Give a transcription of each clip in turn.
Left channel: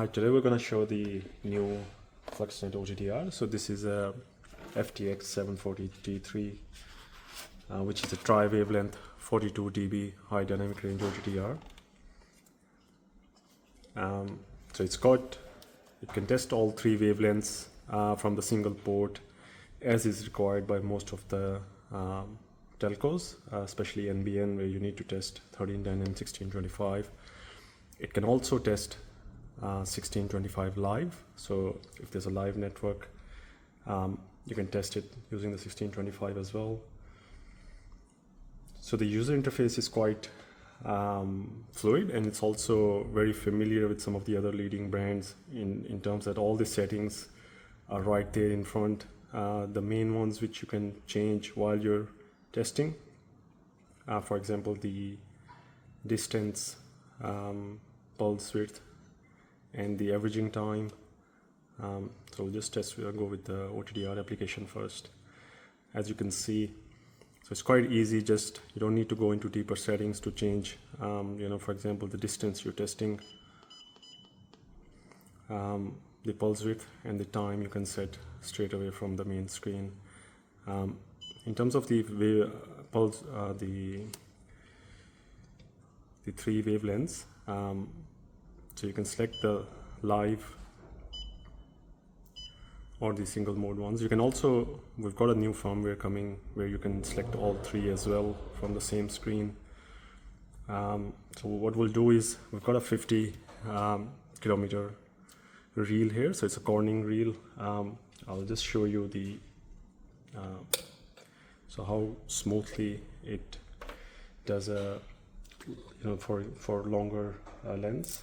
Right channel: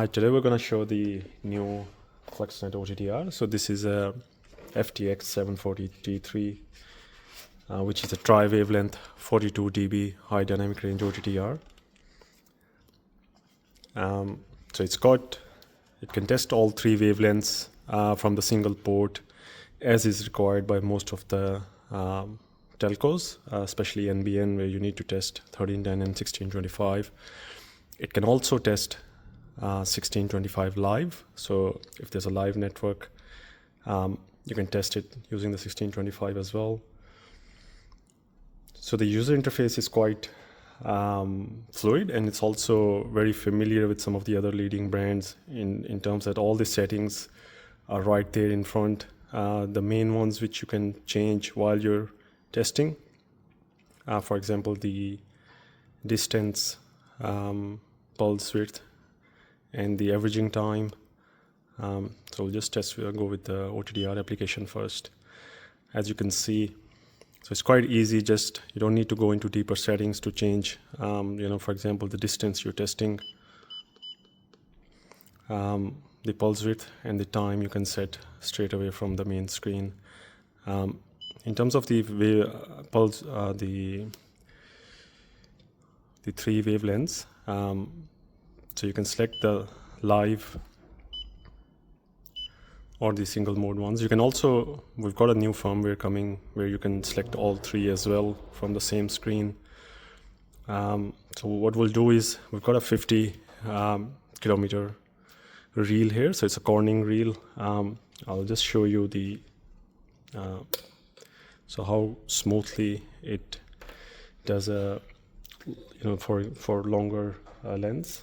Hi, today we're going to show the new FLUXNET OTDR. So this is a FTX-740-T3, which is a tri-wavelength 42 dB high dynamic range OTDR. So it can test all three wavelengths from the single port, as is required by most of the telcos, especially NBN, where you need to test 1310 and 1625. It can also test 1625 live. So if there's a live network, you can test it using the 1625 as well. So the user interface is quite fluid, and it's also very familiar with some of the other leading brands in terms that all the settings are right there in front. The main ones which you can change while you're testing, for example, the distance, pulse width, and the averaging time. So we'll just go with the OTDR application first. As you can see, so it's quite easy. You don't need to go into deeper settings to change, for example, the distance you're testing, the pulse width, and the time you can set straight away from the main screen. In terms of the pulse, the three wavelengths, so you can select the live or the single mode ones. You can also, we've got a new firmware coming where you can select all three as well from the same screen. So what we'll do is, we've got a 50 kilometer reel here. So it's a Corning reel. I'll just show you so how smoothly it does for longer lengths.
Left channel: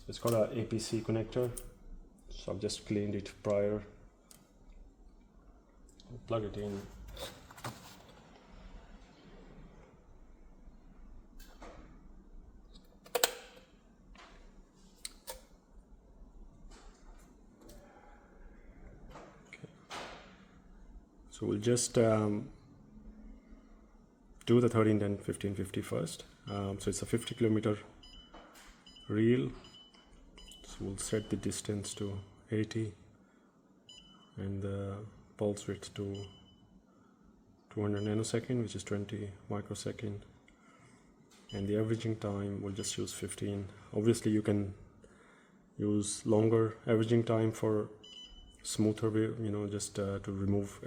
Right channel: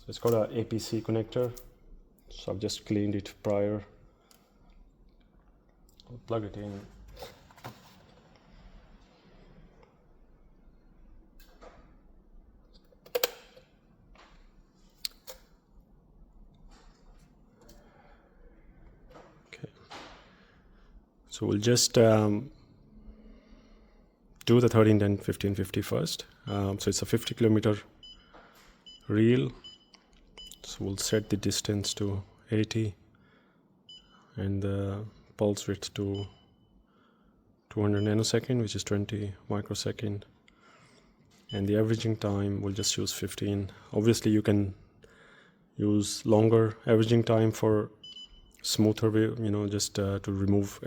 So it's got an APC connector. So I've just cleaned it prior. I'll plug it in. Okay. So we'll just do the 1310 1550 first. So it's a 50 kilometer reel. So we'll set the distance to 80 and the pulse width to 200 nanosecond, which is 20 microsecond, and the averaging time we'll just use 15. Obviously you can use longer averaging time for smoother wave, just to remove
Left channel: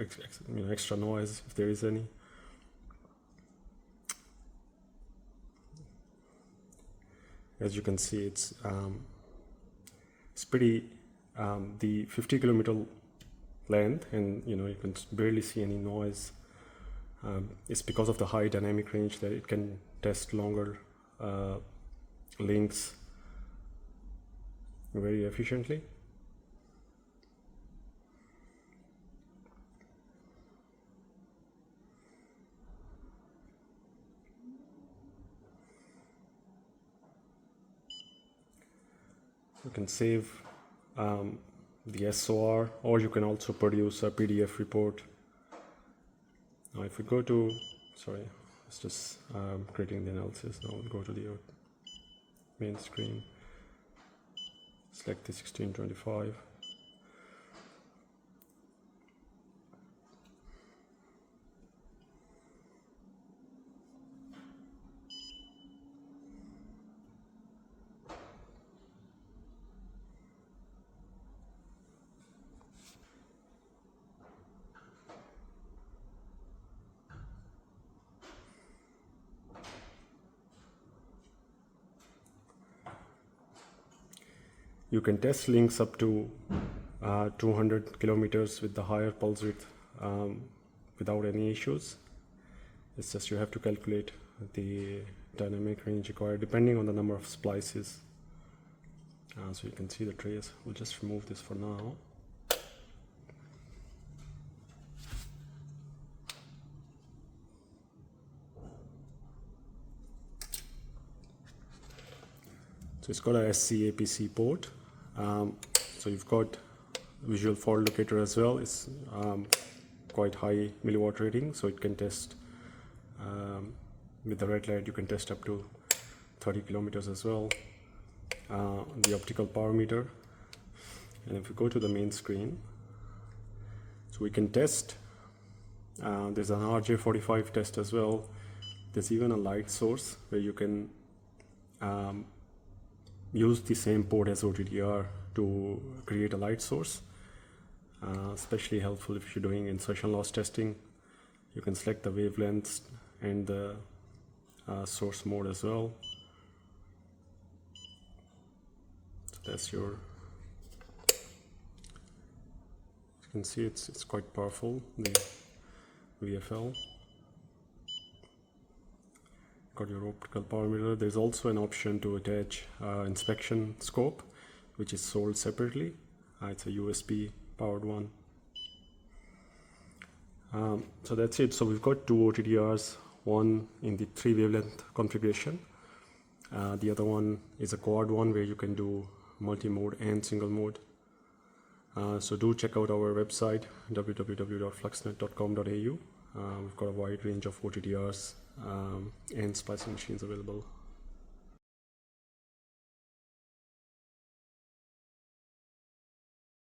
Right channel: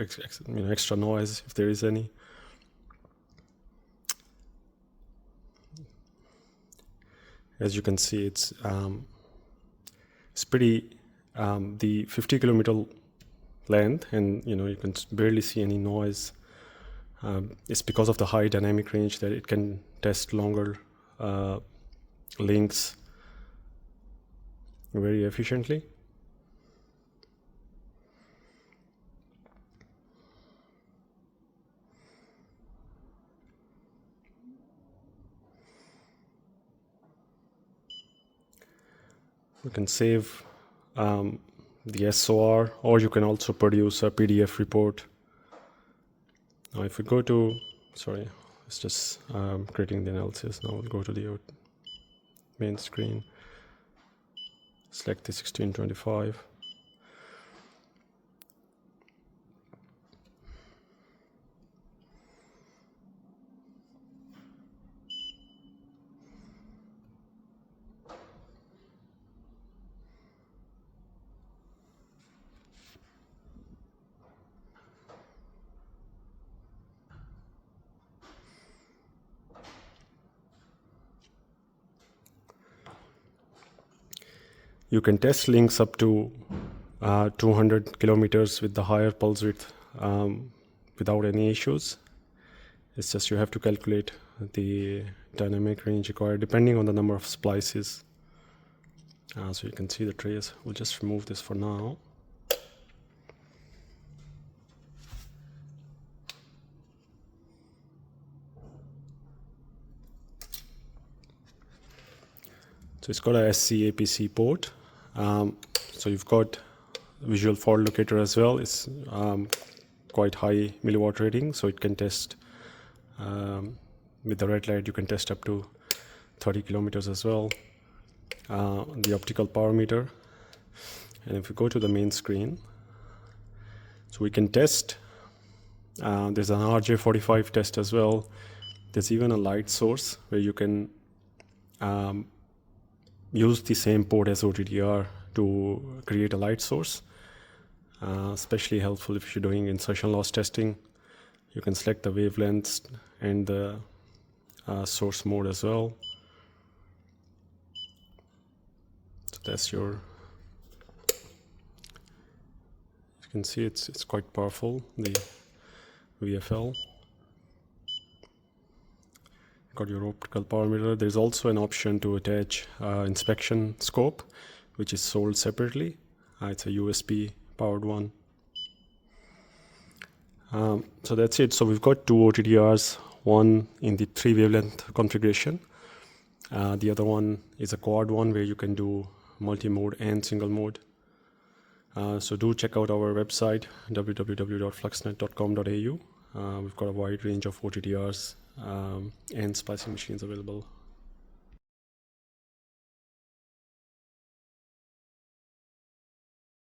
extra noise if there is any. As you can see, it's pretty, the 50 kilometer length, and you can barely see any noise. It's because of the high dynamic range that it can test longer links very efficiently. You can save the SOR, or you can also produce a PDF report. Now if we go to, sorry, it's just creating the analysis. Now we'll go to the main screen, select the 1625. You can test links up to 200 kilometers with the higher pulse width without any issues. It's just you have to calculate the dynamic range required depending on the number of splices. So you can see the trace. We'll just remove this for now. So it's got a SC APC port. So you've got visual fault locator as well. It's quite high milliwatt rating, so it can test with the red light. You can test up to 30 kilometers as well. the optical power meter. And if you go to the main screen, so we can test. There's an RJ45 test as well. There's even a light source where you can use the same port as OTDR to create a light source. Especially helpful if you're doing insertion loss testing. You can select the wavelengths and the source mode as well. So that's your, you can see it's quite powerful, the VFL. Got your optical power meter. There's also an option to attach inspection scope, which is sold separately. It's a USB powered one. So that's it. So we've got two OTDRs, one in the 3 wavelength configuration. The other one is a quad one where you can do multi-mode and single mode. So do check out our website, www.fluxnet.com.au. We've got a wide range of OTDRs and splicing machines available.